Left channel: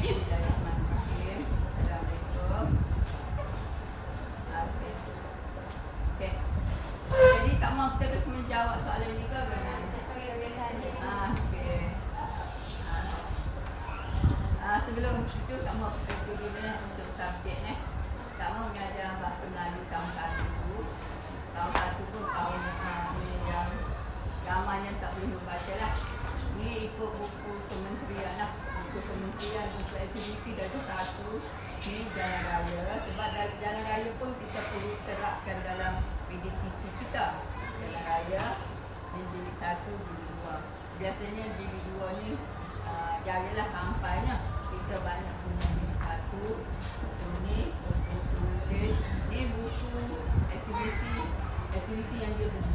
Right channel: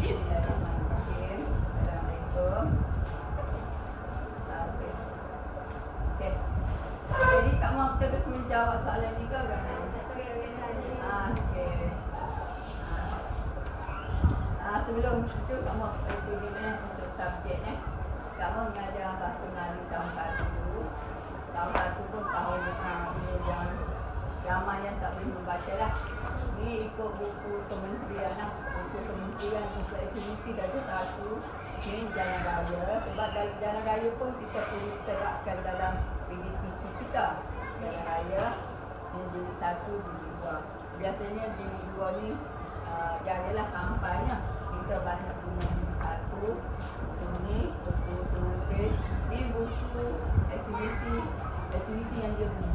Bismillahirrahmanirrahim. Assalamualaikum. Okey. Okey. Jadi tak mahu terus menjawab soalan ni ke bagaimana? Okey. Sebelum itu tak mahu dulu untuk subjek ni. Tak mahu mengajar bahasa Melayu tahun 1. Tahun 1 pun tahun ini yang ramai yang tak boleh membaca lah. Ni ikut buku kementerian lah. Buku kementerian untuk aktiviti dah ada 1. Ni jalan raya. Sebab jalan raya pun kita perlu terapkan dalam PDTC kita. Jalan raya ni jilid 1, jilid 2. Biasanya jilid 2 ni jayalah sampainya. Kita banyak guna jilid 1. Buku ni, buku tulis. Ni buku aktiviti yang dia beli.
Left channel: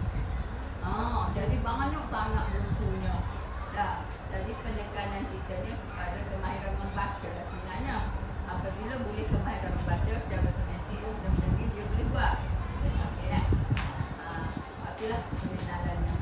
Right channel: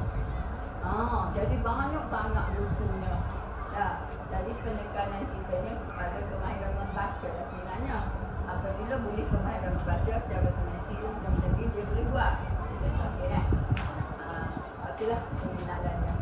Jadi banyak sangat bukunya. Jadi penekanan kita ni kepada kemahiran membaca lah sebenarnya. Apabila boleh kemahiran membaca secara otomatik dia boleh buat. Okey kan? Okeylah pengenalannya.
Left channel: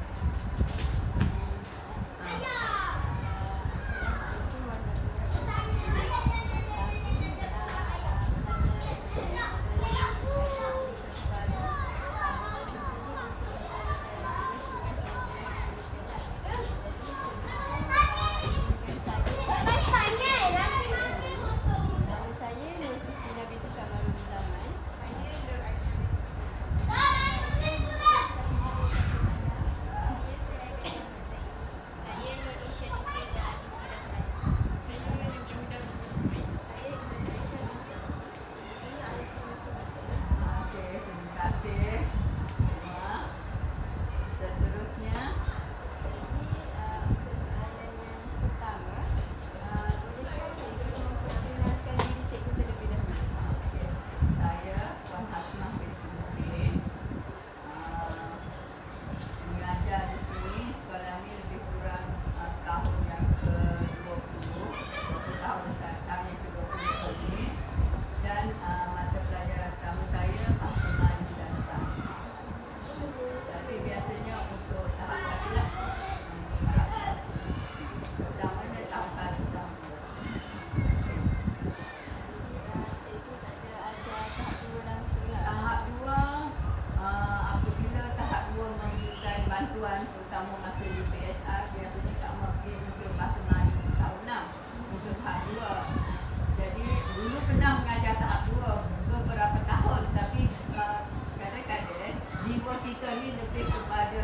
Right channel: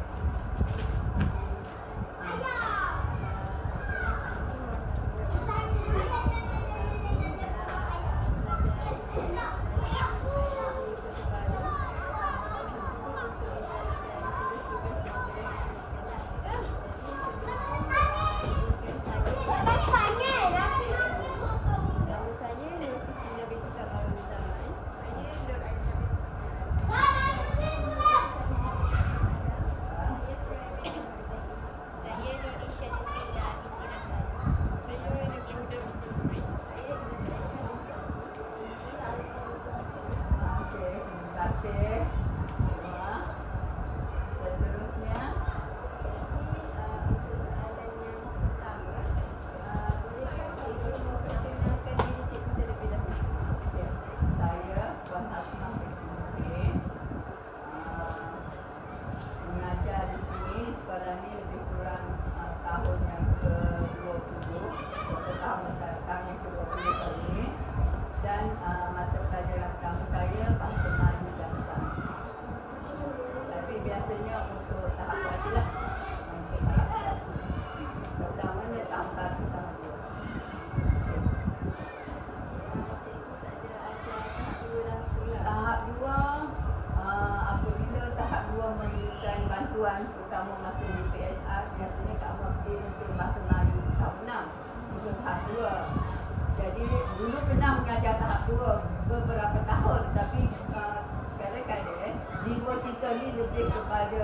Terutama masa UPSR biasanya Kak Amar pergi untuk bahasa Melayu tahun 6 untuk tahap 2. Jadi dulu pernah mengajar tahap 2 beberapa tahun, tapi kadang-kadang jiwa kita ni lebih kepada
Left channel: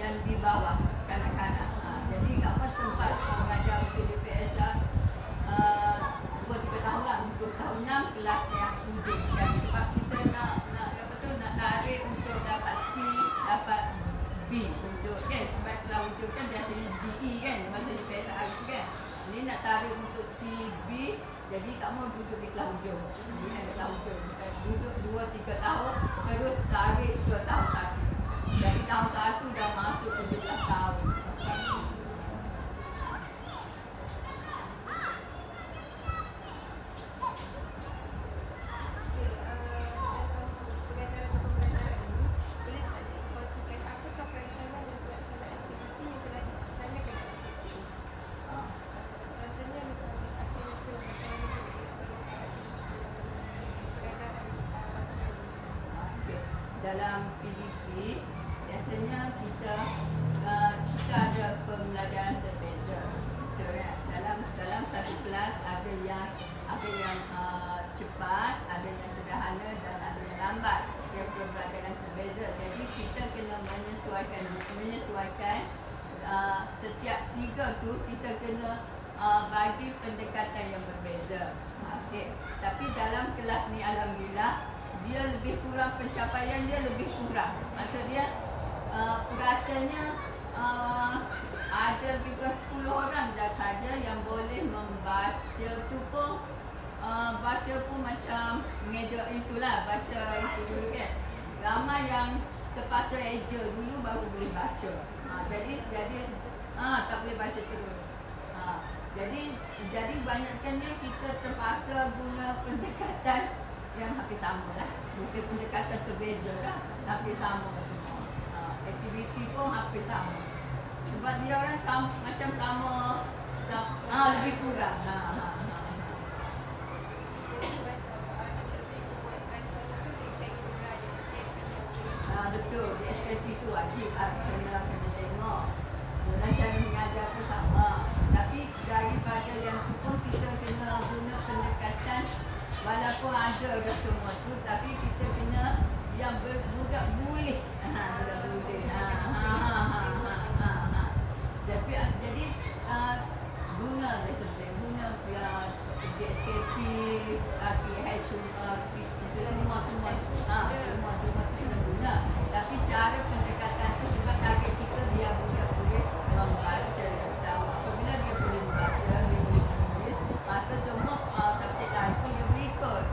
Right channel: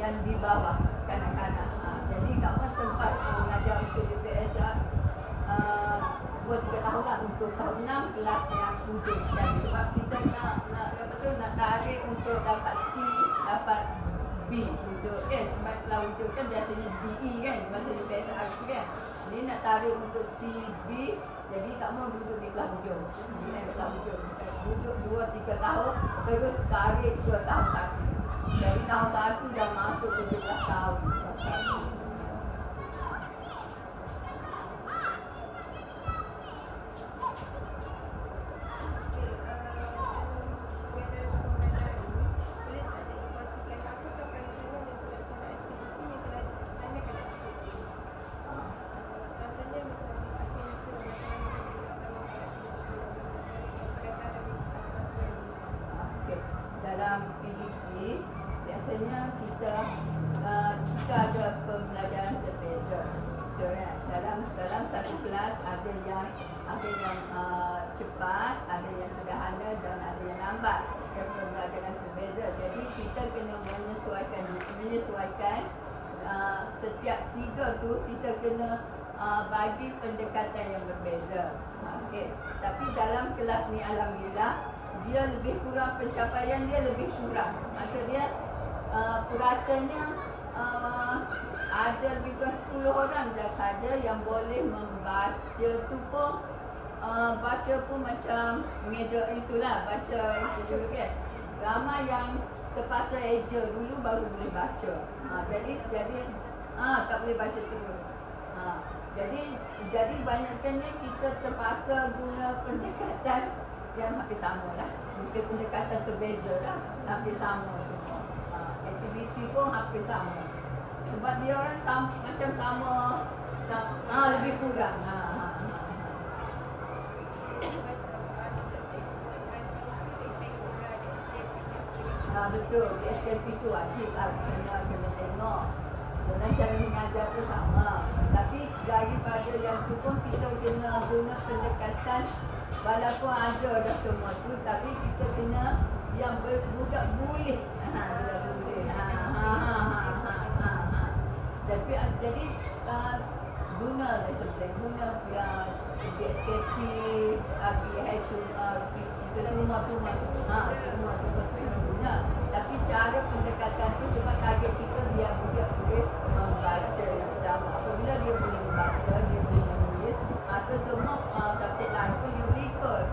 yang di bawah kanak-kanak. Jadi Kak Amar sempat mengajar untuk UPSR 2-3 tahun lah untuk tahun 6 kelas yang 7. Jadi sebab kita nak tarik untuk dapat C, dapat B untuk kan, sebab kelas hujung kan biasanya DE kan, masa UPSR kan. Ini nak tarik untuk C, B, jadi tak mau duduk di kelas hujung. Di kelas hujung. Duduk 2-3 tahun, terus tarik ke tahun 1. Jadi tahun 1 dah masuk 17 tahun. Dalam PDP biasanya kita ada pembelajaran berbeza. Dalam satu kelas ada yang cepat, ada yang sederhana dan ada yang lambat. Yang pembelajaran berbeza. Jadi kita kena menyesuaikan setiap 3 tu kita kena bagi pendekatan yang berbeza. Okey. Tapi dalam kelas ni alhamdulillah dia lebih kurang, pencapaian dia lebih kurang. Maksud dia puratanya ada lebih kurang 10 orang saja yang boleh membaca tu pun baca pun macam meja itulah, baca itu dulu kan. Ramai yang terpaksa eja dulu baru boleh baca. Jadi tak boleh baca terus. Jadi banyakkannya kita terpaksa guna pendekatan yang hampir sama lah. Mungkin pendekatan terbeza lah, hampir sama semua. Aktiviti pun hampir sama. Sebab dia orang macam sama, lebih kurang. Betul, di SKP tu wajib kena tengok. Guna cara mengajar pun sama. Tapi daripada yang tu pun kita kena guna pendekatan. Walaupun ada dah semua tu, tapi kita kena yang budak boleh. Budak boleh. Jadi guna guna yang DSKP, RPH itu semua guna. Tapi cara pendekatan tu sebab target kita biar budak boleh membaca yang pertama. Apabila dia boleh membaca, dia boleh menulis, maka semua subjek lain pun dia boleh ikut.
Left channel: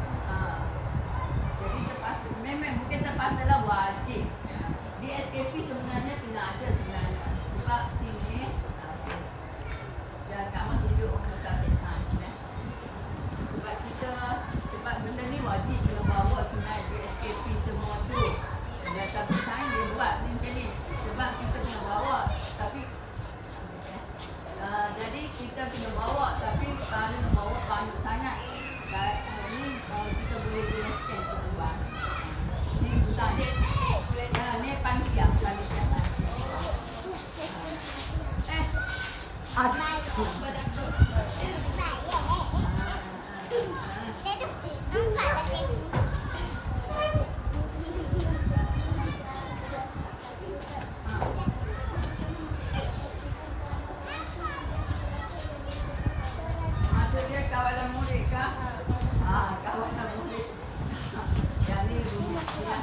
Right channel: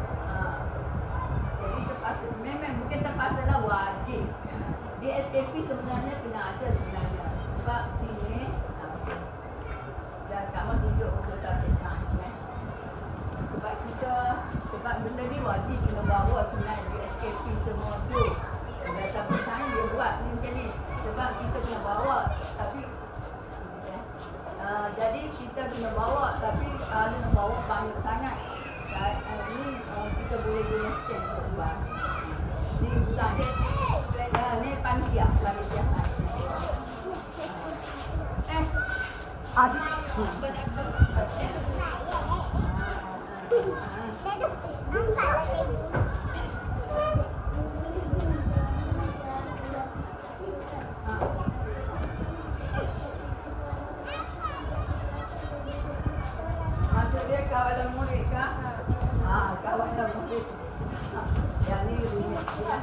Jadi terpaksa, memang bukan terpaksa lah, wajib. DSKP sebenarnya kena ada sebenarnya. Sebab sini dan kamu tunjuk untuk subjek sains sebab benda ni wajib kena bawa sebenarnya DSKP semua tu. Dan subjek sains dia buat ni macam ni sebab kita kena bawa, tapi jadi kita kena bawa, tapi kalau nak bawa banyak sangat ni kita boleh guna scan untuk buat ni bukan ni panitia maksud dia kawalan murid kah? Kawalan murid yang ni rumit ya.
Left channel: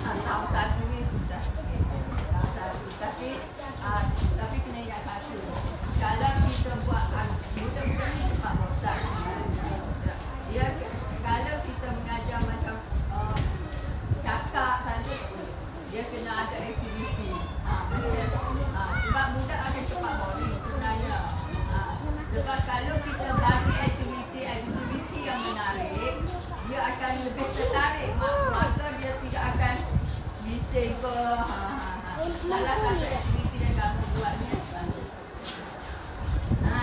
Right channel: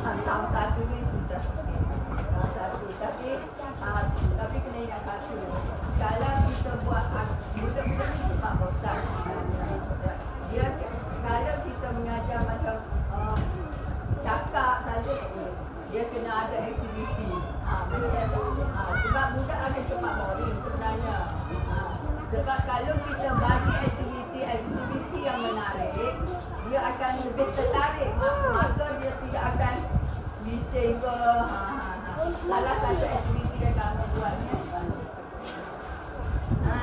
Tahun satu ni susah sikit. Tahun satu tapi kena ingat satu. Kalau kita buat budak-budak ni cepat bosan. Dia kalau kita mengajar macam cakap saja, dia kena ada aktiviti. Sebab budak akan cepat boring sebenarnya. Sebab kalau kita bagi aktiviti yang menarik, dia akan lebih tertarik, maka dia tidak akan bising ke. Salah satu aktiviti yang kamu buat ni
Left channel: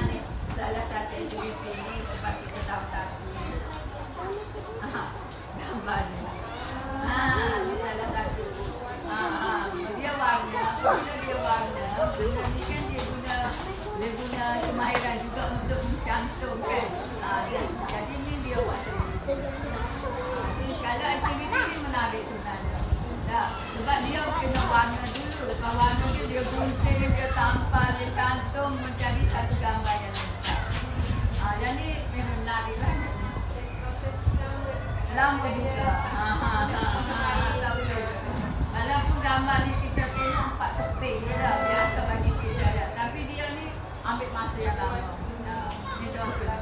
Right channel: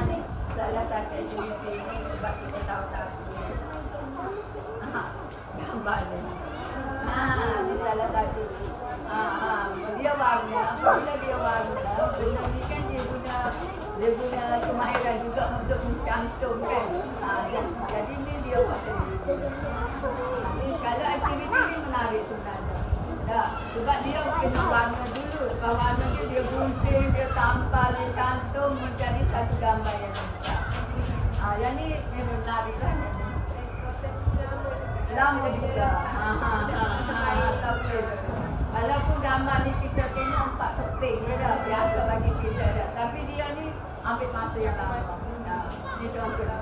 ni salah satu aktiviti ni sebab kita tahu satu ni gambar ni ni salah satu dia warna. Apabila dia warna, benda ni kan dia guna kemahiran juga untuk mencantumkan. Jadi ni dia buat kalau aktiviti ni menarik sebenarnya. Sebab dia kena warna dulu. Lepas warna dia gunting, dia tampal, dia cantum mencari satu gambar yang lengkap. Yang ni memang menarik lah. Lama juga. Tak boleh. Walaupun gambar ni kita tengok 4 keping je dah. Biasa bagi kita dah. Tapi dia ni ambil masa yang lama. Ni contoh ni.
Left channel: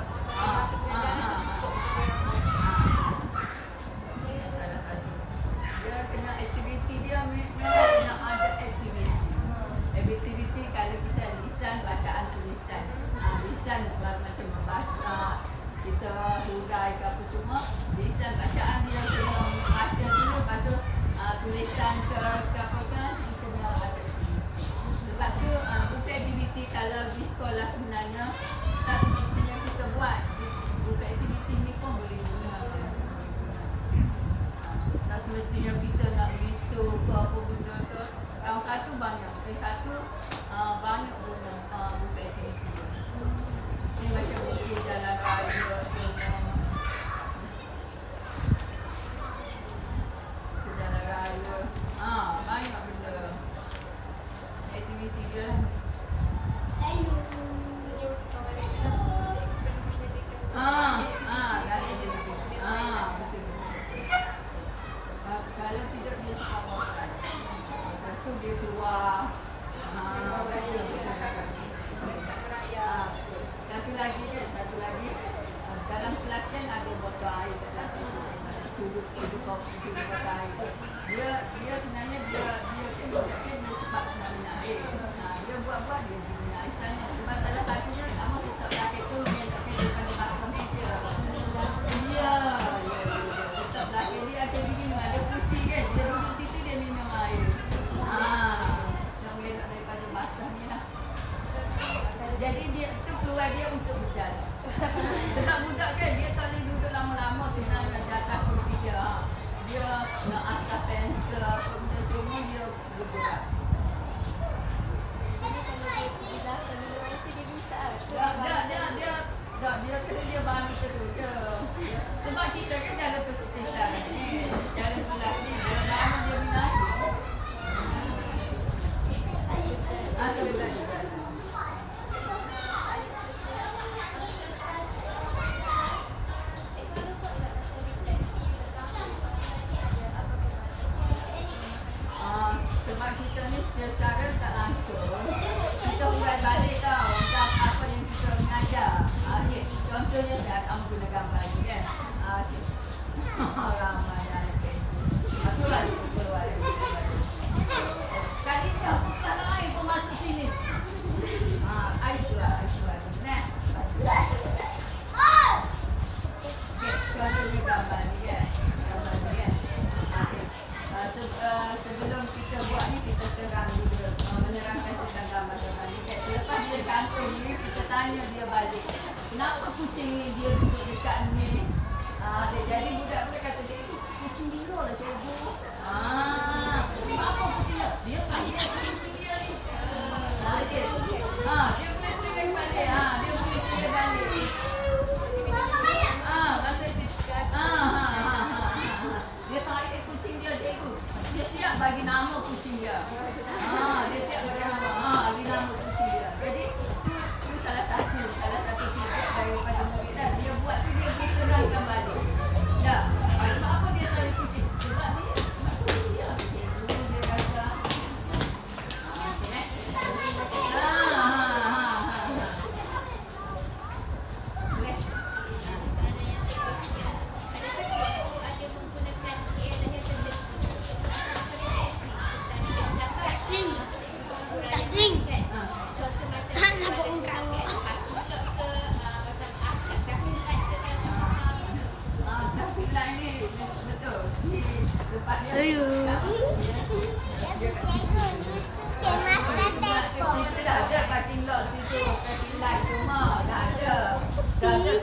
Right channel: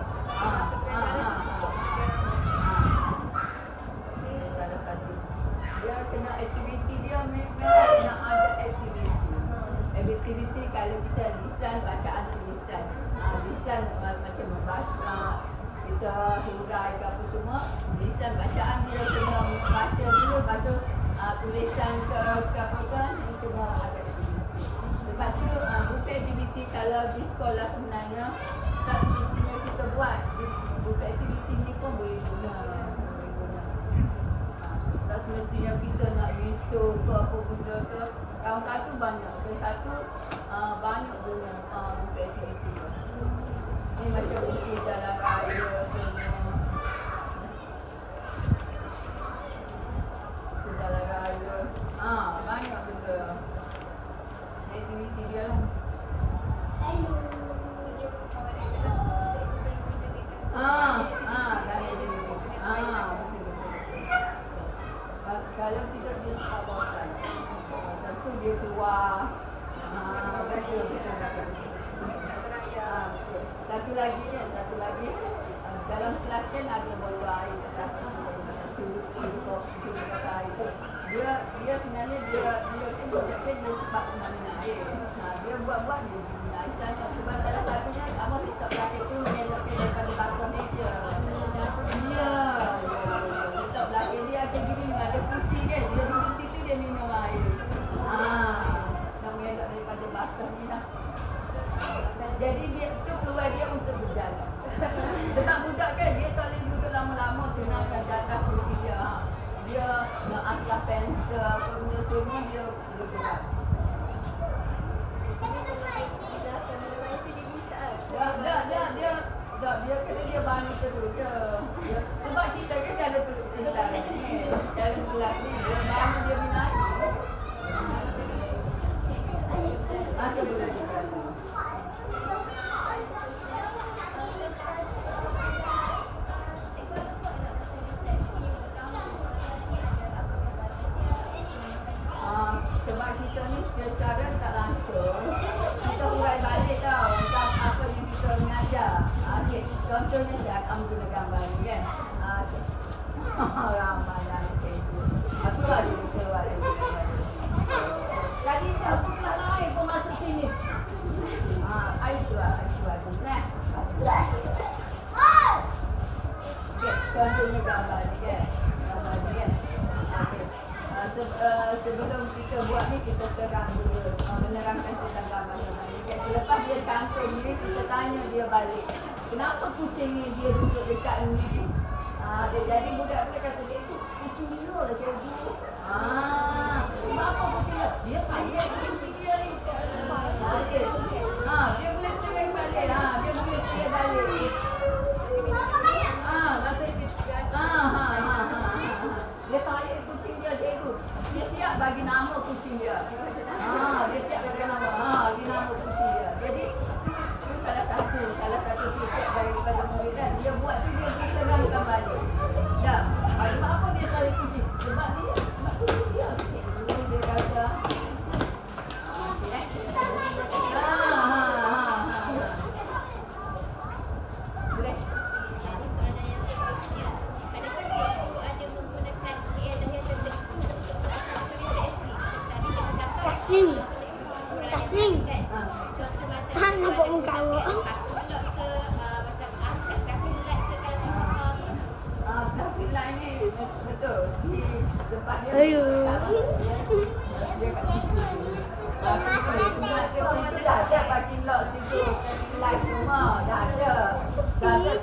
Salah satu. Dia kena aktiviti dia memang kena ada aktiviti. Aktiviti kalau kita lisan, bacaan tulisan. Lisan macam membaca, kita hurai ke apa semua. Lisan bacaan dia kena baca dulu, lepas tu tulisan ke apa kan kena ada aktiviti. Sebab tu bukan aktiviti kalau di sekolah sebenarnya tak semestinya kita buat. Bukan aktiviti ni pun boleh guna. Tak semestinya kita nak risau ke apa benda ke. Tahun satu banyak. Tahun satu banyak guna bukan aktiviti. Ni macam bukti jalan raya semua. Jalan raya. Banyak benda. Aktiviti dia lah. Kalau tidak dia cepat bosan. Tentu dia keluar. Satu lagi dalam kelas kan ada botol air kat kelas tu. Turut kopi air tu. Dia sebenarnya dia cepat nak minum air. Dia buat dia minum air sana. Sebab salah satunya kamu tetap belakang tu mengelakkan daripada basah meja. Ya. Tetap belakang dia ada minum, ada kursi kan. Dia duduk situ dia minum air. Nak mengelak daripada basah ni lah. Jadi dia tu peluang dia untuk berjalan. Sebab budak kan dia tak boleh duduk lama-lama Tak, dia kena dia baru terus je. Sebab kita kan jalan persekitar ni. Jalan kelas ni, dia bangun dia binari. Sebelum dia jalan. Sebab kita ni secara tak langsung kita hurai balik tau apa yang kita mengajar. Okay. Contohnya saya kamu guna gambar ni kan. Okay. Ramai anak itu. Keluar dia. Tadi je aku keluar air kau masuk sini. Air keluar tu. Nah. Okay. Contohnya gambar ni kan. Okay. Sebelum kita buat ni kita terang dulu menerangkan tentang gambar-gambar ni kan. Selepas dia cantum ni kita tanya dia balik, kenapa kucing ni dia duduk dekat ni? Jadi budak tu kata dia itu kucing liar lah cikgu. Sebab apa kucing liar? Dia sayang kucing dia ni. Okey. Dia boleh cerai balik. Dia boleh cerai balik. Dia sayang kucing dia cikgu. Dia siap bagi nama kucing dia. Dia siap bagi nama. Bagi nama kucing dia. Jadi tu salah satu feedback daripada murid dah. Dia buat tu dia terangkan balik. Dah. Sebab apa dia sayang kucing? Sebab kucing dia. Dia kata boleh. Tasning. Nampak muka awak. Traffic light ni betul. Di tempat dia. Dia kat situ. Kita dah ada parking lot situ, traffic light semua dah ada.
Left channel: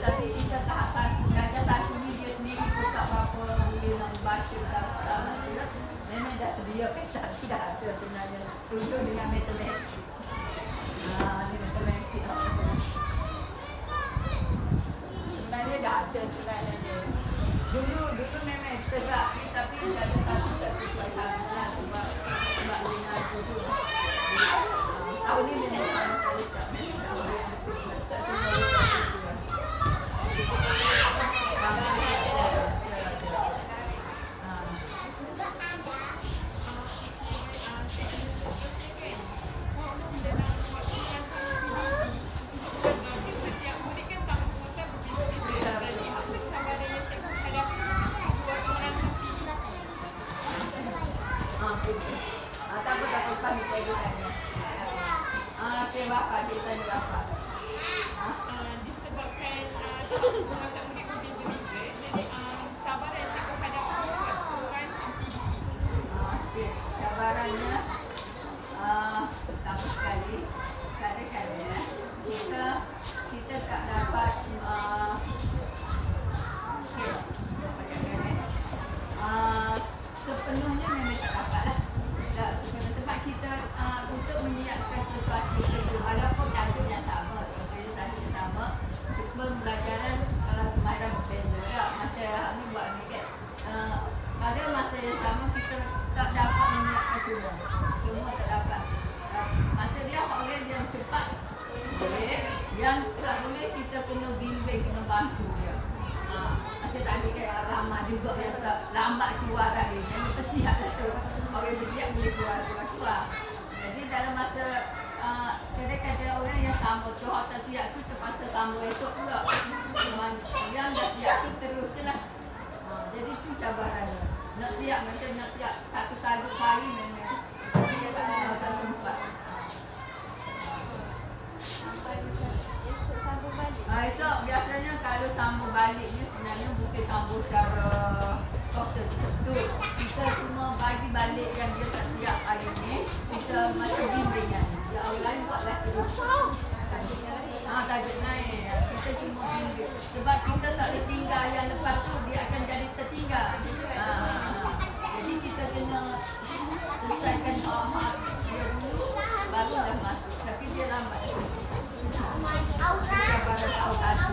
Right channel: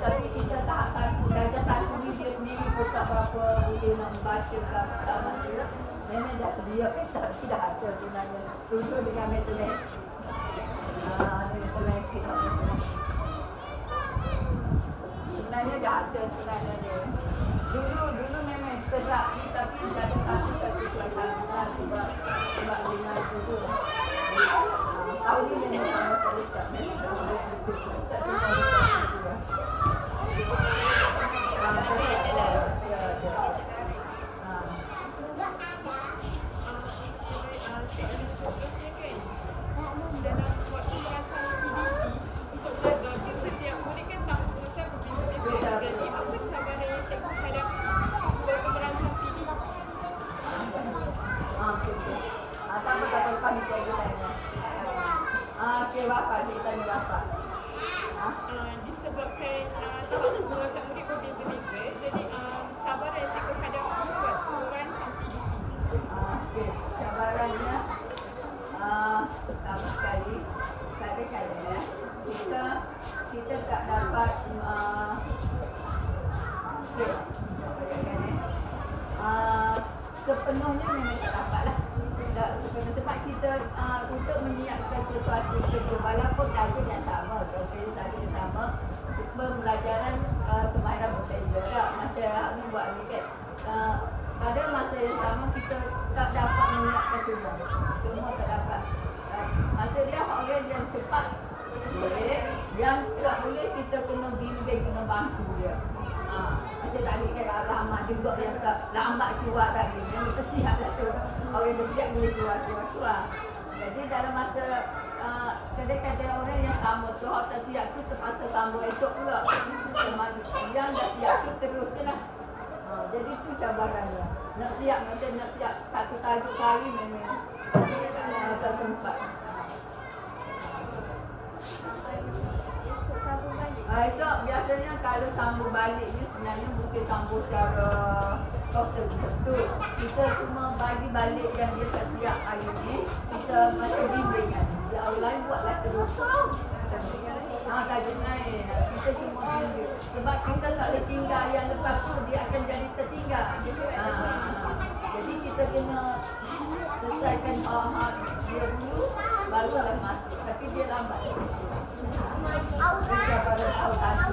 Tapi kita tahap satu, darjah satu ni dia sendiri pun tak berapa dia nak membaca tak maksudnya. Memang dah sedia kan, tapi dah ada sebenarnya. Tunjuk dengan matematik. Dia matematik. Sebenarnya dah ada sebenarnya. Dulu memang tegak ni tapi darjah satu tak sesuai sangat lah sebab dengan itu. Tahun ni memang saya tak memang tak bayar betul. Tak semua betul lah. Dalam waktu merancang PDP untuk mengajar setiap murid kan tahu penguasaan berbeza-beza. Jadi apa cabaran yang cikgu hadapi waktu merancang PDP? Tak apa pagi cikgu tanya. Okey bapa kita tanya bapa. Disebabkan tahap penguasaan murid berbeza-beza. Jadi cabaran yang cikgu hadapi waktu merancang PDP. Okey, cabarannya pertama sekali kadang-kadang kita tak dapat sepenuhnya memang tak dapat lah sebab kita untuk menyiapkan sesuatu itu walaupun ada yang sama contohnya tadi yang sama pembelajaran kemahiran berbeza tak macam ni buat ni kan pada masa yang sama kita tak dapat menyiapkan semua tak dapat masa dia orang yang cepat boleh yang tak boleh kita kena bimbing kena bantu dia macam tadi kan Abang Ahmad juga yang tak lambat keluar tadi yang bersiap lah tu orang bersiap boleh keluar jadi dalam masa kadang-kadang orang yang sama tu orang tak siap tu terpaksa sambung esok pula yang dah siap tu terus je lah jadi tu cabarannya nak siap macam nak siap satu kali memang tak sempat esok biasanya kalau sambung balik ni sebenarnya bukan sambung secara total betul kita cuma bagi balik yang dia tak siap hari ni kita macam bimbingan dia orang lain buatlah terus tajuk lain kita cuma bimbing sebab kita tak boleh tinggal yang lepas tu dia akan jadi tertinggal jadi kita kena selesaikan dia dulu barulah masuk tapi dia lambat cabaran tahun satu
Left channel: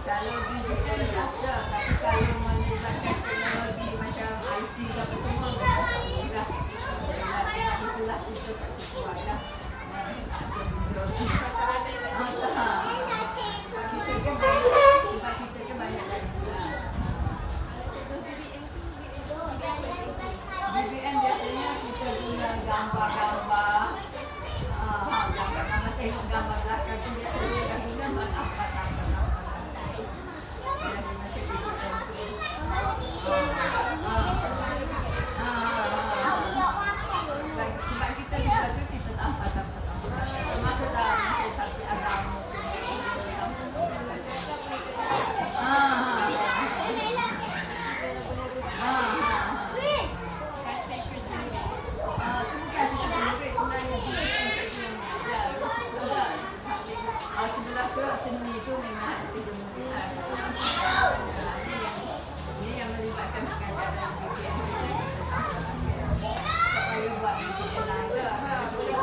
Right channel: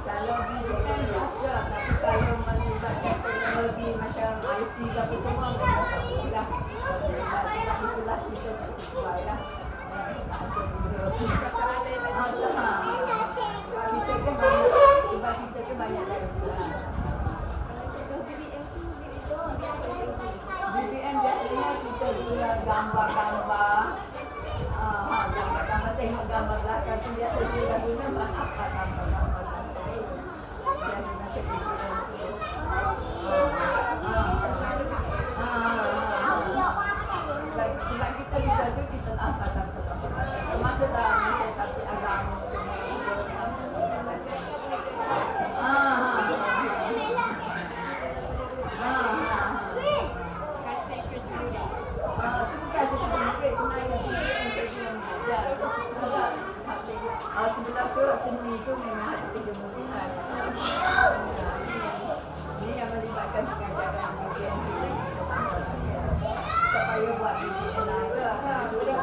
Kalau BDM biasa, tapi kalau melibatkan teknologi macam IT ke apa semua memang tak boleh lah. Sebab itulah kita tak sesuai lah. Tak ada benda. Sebab kita ke banyak dari bulan. BBM biasanya kita guna gambar-gambar. Gambar-gambar, tengok gambar belakang tu biasa kita guna apa tambah-tambah. Biasanya cek BBM tu. Sebab kita juga tu kita apa tambah-tambah. Termasuk dalam macam tapi agama tu. Itu bukan kerja murid sebenarnya BBM kerja yang mengajar. Sebelah tu seni tu memang ada kerja murid lah. Ini yang melibatkan pengajaran BBM kita tambah lagi. Tak payah buat BBM lain lah. Murid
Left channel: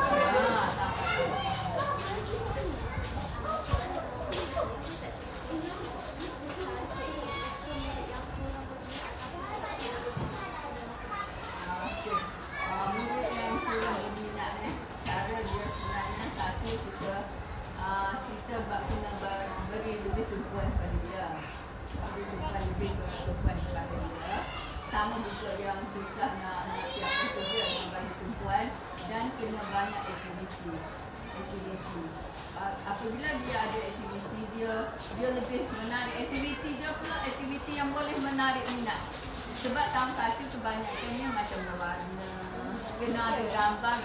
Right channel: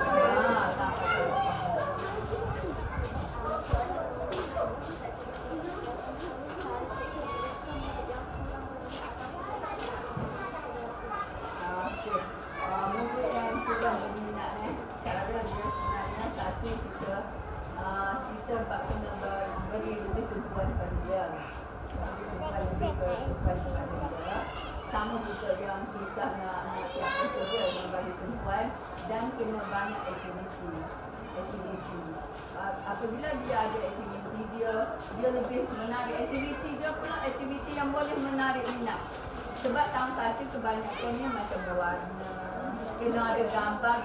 yang kurang berminat cara dia sebenarnya satu kita kena beri lebih tumpuan kepada dia, lebih tumpuan kepada dia. Sama juga yang susah nak siapkan kerja dengan bagi tumpuan dan kena banyak aktiviti. Apabila dia ada aktiviti dia lebih menarik. Aktiviti dia pula aktiviti yang boleh menarik minat. Sebab tahun satu kebanyakannya macam berwarna, kena ada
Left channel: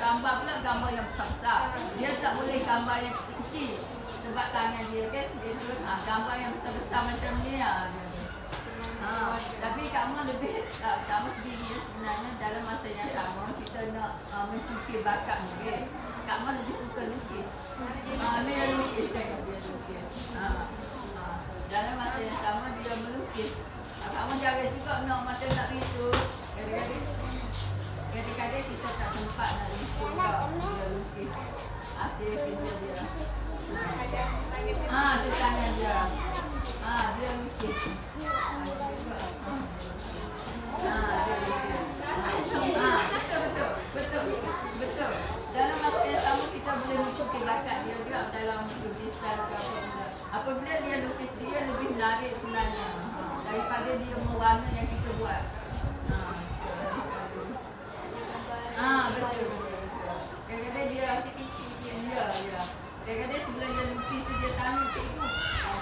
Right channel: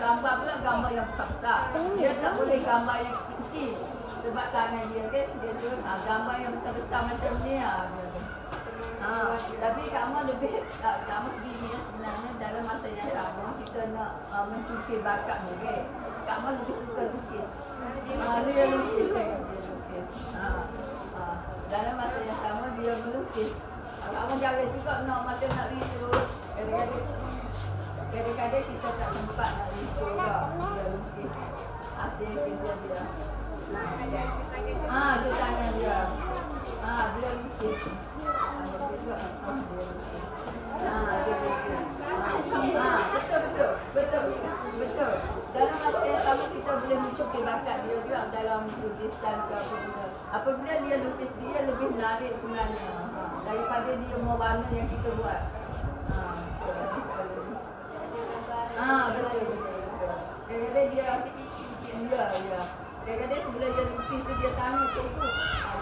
gambar pula gambar yang besar-besar. Dia tak boleh gambar yang kecil sebab tangan dia kan, dia tu gambar yang besar-besar macam ni tapi kamu sendiri sebenarnya dalam masa yang sama kita nak mencukir bakat murid. Kamu lebih suka lukis. Dia lukis dalam masa yang sama dia melukis. Kamu jaga juga macam nak risu. Kadang-kadang kita tak sempat nak risu juga. Dia lukis hasil kerja dia. Dia tangan dia. Dia lukis. Betul. Dalam masa yang sama kita boleh mencukir bakat dia juga dalam lukisan ke apa benda. Apabila dia lukis dia lebih menarik sebenarnya daripada dia mewarna yang kita buat. Betul. Kadang-kadang dia kadang-kadang sebelum dia lukis tu dia tanya cikgu,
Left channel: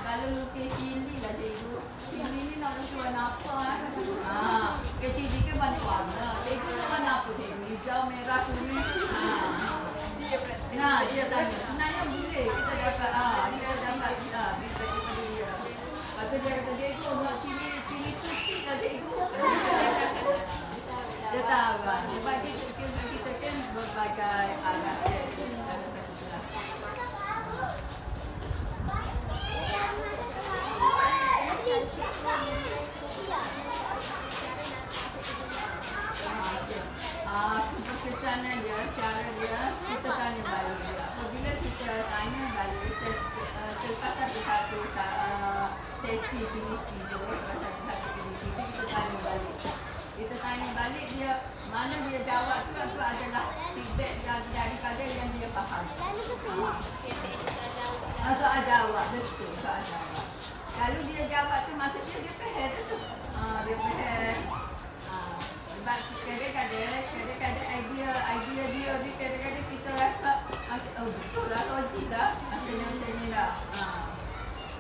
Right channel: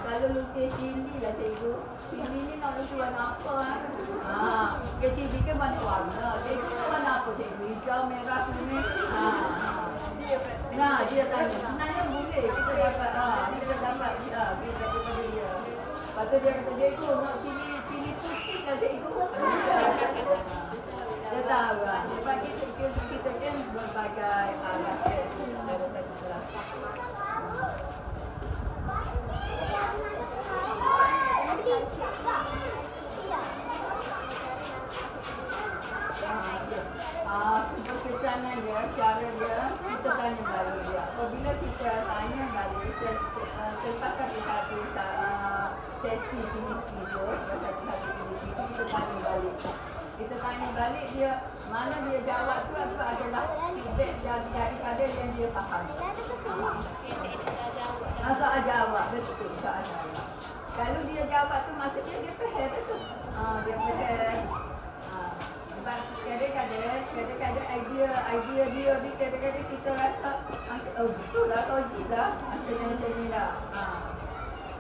kalau lukis cili lah cikgu, cili ni nak lukis warna apa cili kan banyak warna, cikgu tu warna apa cikgu, hijau, merah, kuning. Dia tanya, sebenarnya boleh kita dapat feedback daripada dia. Lepas tu dia kata, cikgu nak cili putih lah cikgu. Dia tahu sebab kita kan berbagai arah dalam satu kelas. Keberkesanan dia, cara dia, kita tanya balik dia. Apabila kita tanya balik, selepas satu sesi aktiviti tu, kita tanya balik. Kita tanya balik dia, mana dia jawab tu adalah feedback daripada yang dia faham. Soal jawab, betul soal jawab. Kalau dia jawab tu maksudnya dia faham tu. Dia faham. Sebab kadang-kadang idea dia ni kadang-kadang kita rasa betul lah, logik lah. Macam ni lah.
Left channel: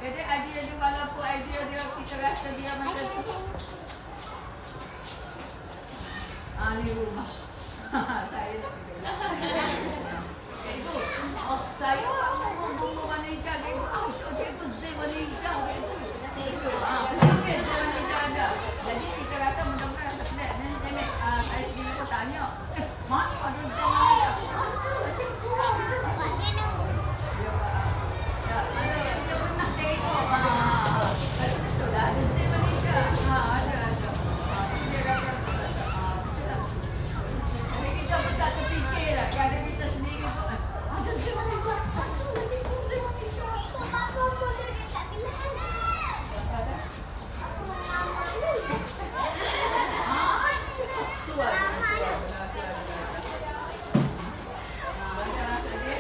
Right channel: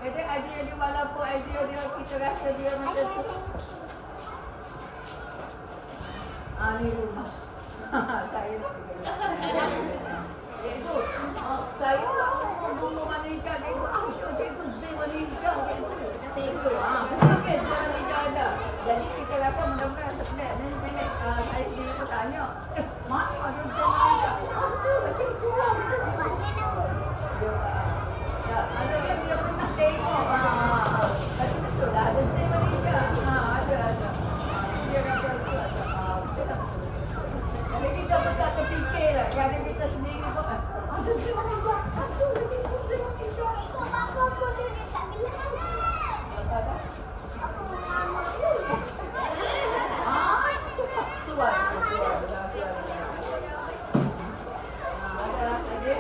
Kadang idea dia walaupun idea dia kita rasa dia macam tu. Ni rumah. Saya nak pergi. Cikgu, saya buat bunga warna hijau cikgu. Cikgu zai warna hijau cikgu. Betul ke zai warna hijau ada. Jadi kita rasa mudah-mudahan rasa pelik. Nenek saya sendiri pun tanya, mana ada zai warna hijau? Ada cikgu. Dia buat. Ada dia pernah tengok. Betul lah ada zai warna hijau. Ada. pada kita sendiri pun ada dia orang buat aduh lagi boleh wanita. Adalah tadi.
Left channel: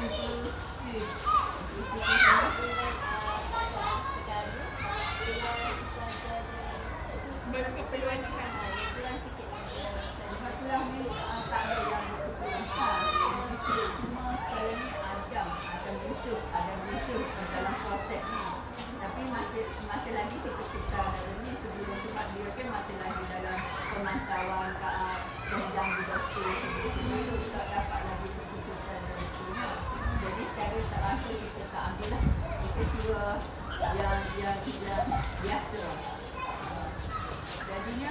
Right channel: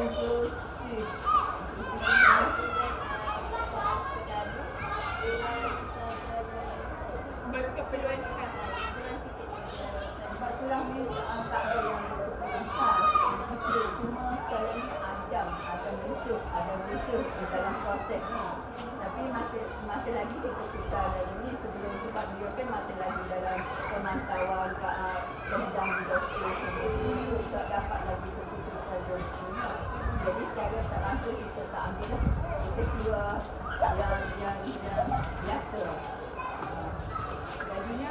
Inklusif. Bagi keperluan khas. Sebab itulah ni tak ada yang berkeperluan khas. Cuma sekarang ni ada musuh dalam proses ni. Tapi masih lagi kita tukar dalam ni sebelum, sebab dia kan masih lagi dalam pemantauan sedang di doktor itu tak dapat lagi keputusan doktornya. Jadi secara tak langsung kita tak ambil lah. Kita kira yang biasa. Jadinya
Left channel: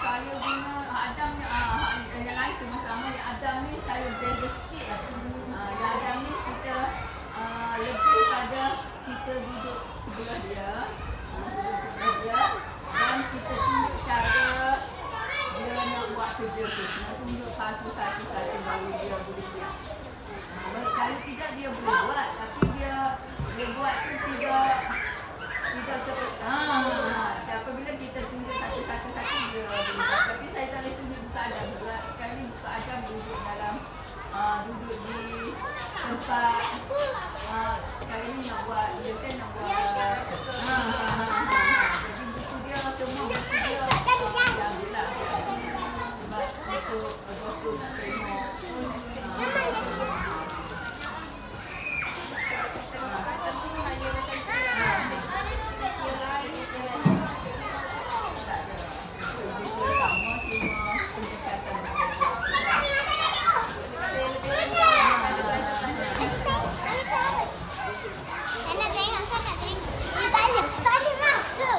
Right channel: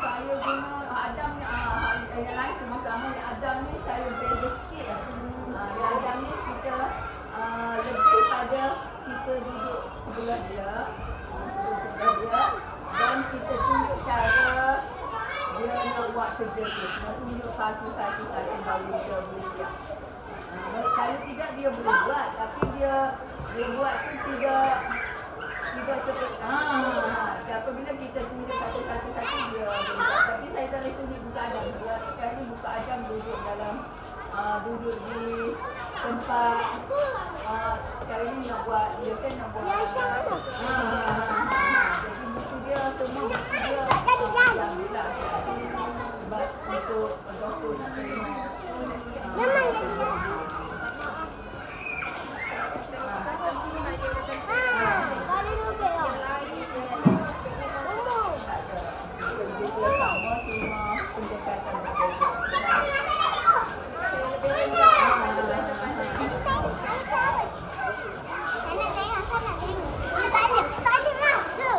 saya guna Adam yang lain sama-sama. Yang Adam ni saya beza sikit lah. Yang Adam ni kita lebih pada kita duduk sebelah dia, dan kita tunjuk cara dia nak buat kerja tu. Nak tunjuk satu baru dia boleh siap. Kalau tidak dia boleh buat, tapi dia buat tu tidak seperti apabila kita tunjuk satu dia boleh buat. Tapi saya tak boleh tunjuk buka Adam. Sekarang ni buka Adam duduk dalam duduk di tempat sekarang ni nak buat, dia kan nak buat jadi buku dia, semua buku dia diambil lah. Sebab untuk doktor nak tengok dia sama, cuma pendekatan berbeza. Lebih rendah. Saya nak tengok. Tak ada masa.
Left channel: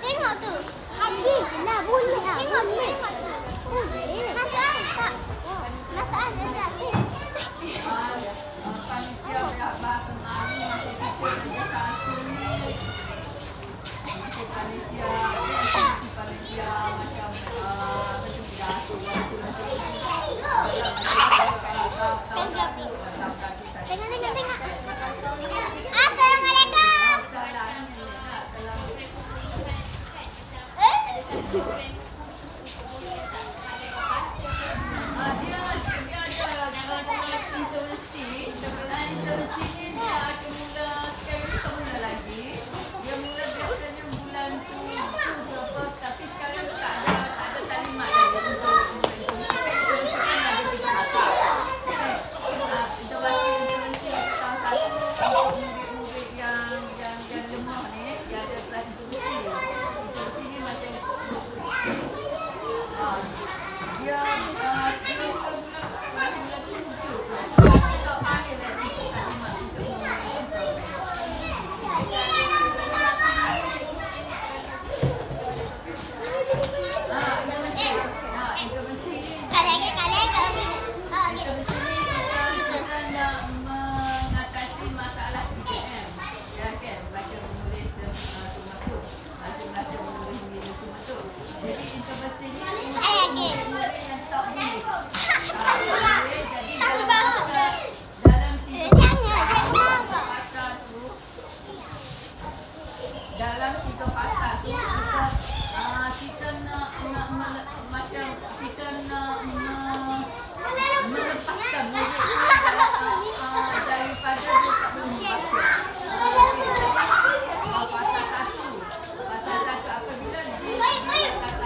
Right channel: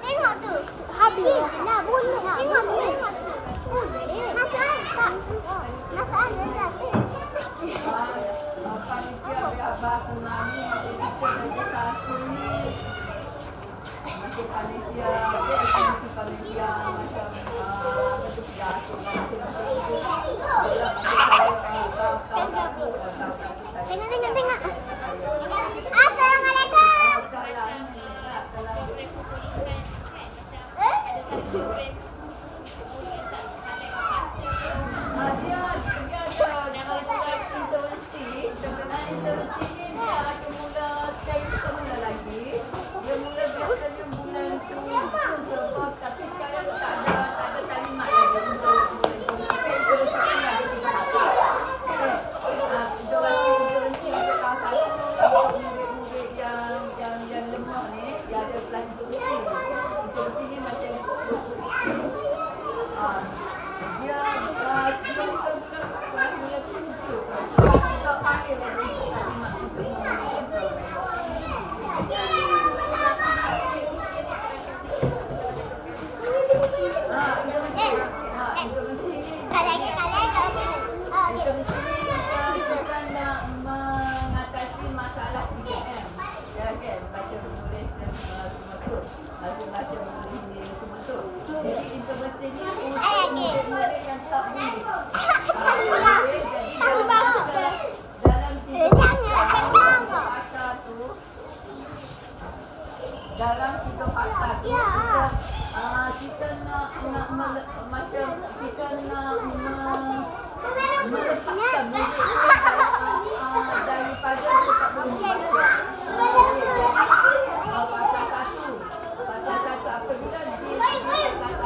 Tengok tu. Habis. Tengok tu. Masalah dah tu. Panitia bahasa Melayu masih kita dah satu ni. Masih panitia, aktiviti panitia macam apa tu pidato intervensi ni dia akan mula sekali ni tak mula lagi. Dia mula biasanya bulan 7 ke apa, tapi sekarang tak ada talimat lagi untuk intervensi kan ada 3 tahap. Intervensi untuk tahun 1 untuk murid-murid yang lemah ni, dia ada kelas intervensi. Intervensi ni macam dia bulan 7 tak panggil lagi talimat untuk memulakan program. Intervensi ni kita nak mengatasi masalah 3M. Ya kan, baca menulis dan semua tu. Baca menulis semua tu. Jadi intervensi ni untuk murid-murid yang tak boleh. Jadi dalam 3 fasa tu kita nak macam kita nak melepaskan murid daripada dia tak boleh membaca. Jadi fasa 1 apabila di fasa 1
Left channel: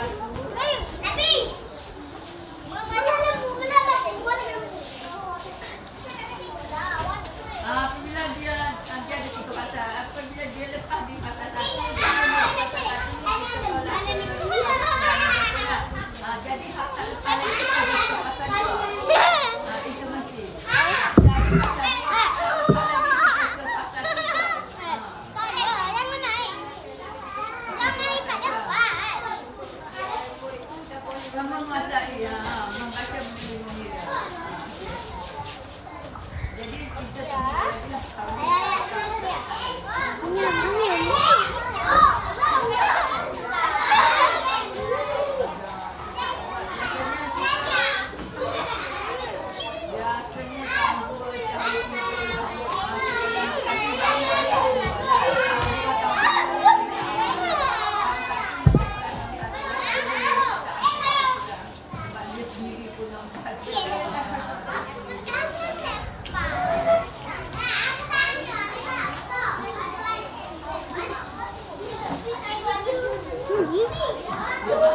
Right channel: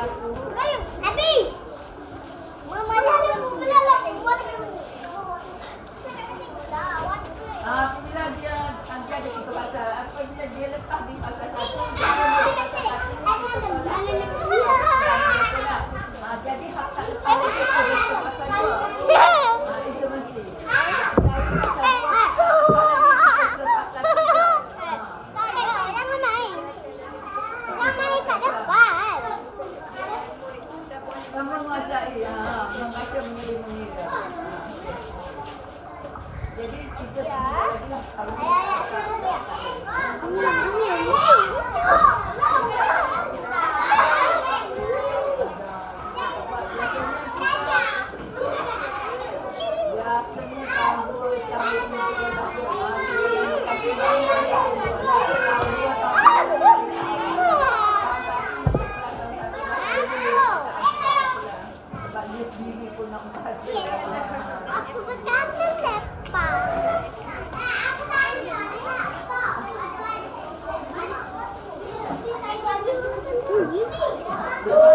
apabila dia ada 3 fasa, apabila dia lepas di fasa 1, jadi fasa 1 ni kita tolak ke lah. Jadi hak tak lepas lagi ke fasa 2. Itu mesti. Dari fasa 2 tak lepas lagi kita ke fasa 3. Jangan naik kat menguasai, membaca mengira-mengira. Okey. Jadi kita semua jadilah kami biasanya tahun 2 tahun 3 tahun tapi banyak dua lah tahun 2 tahun 3 sebab dia sendiri pun nak baca. Aku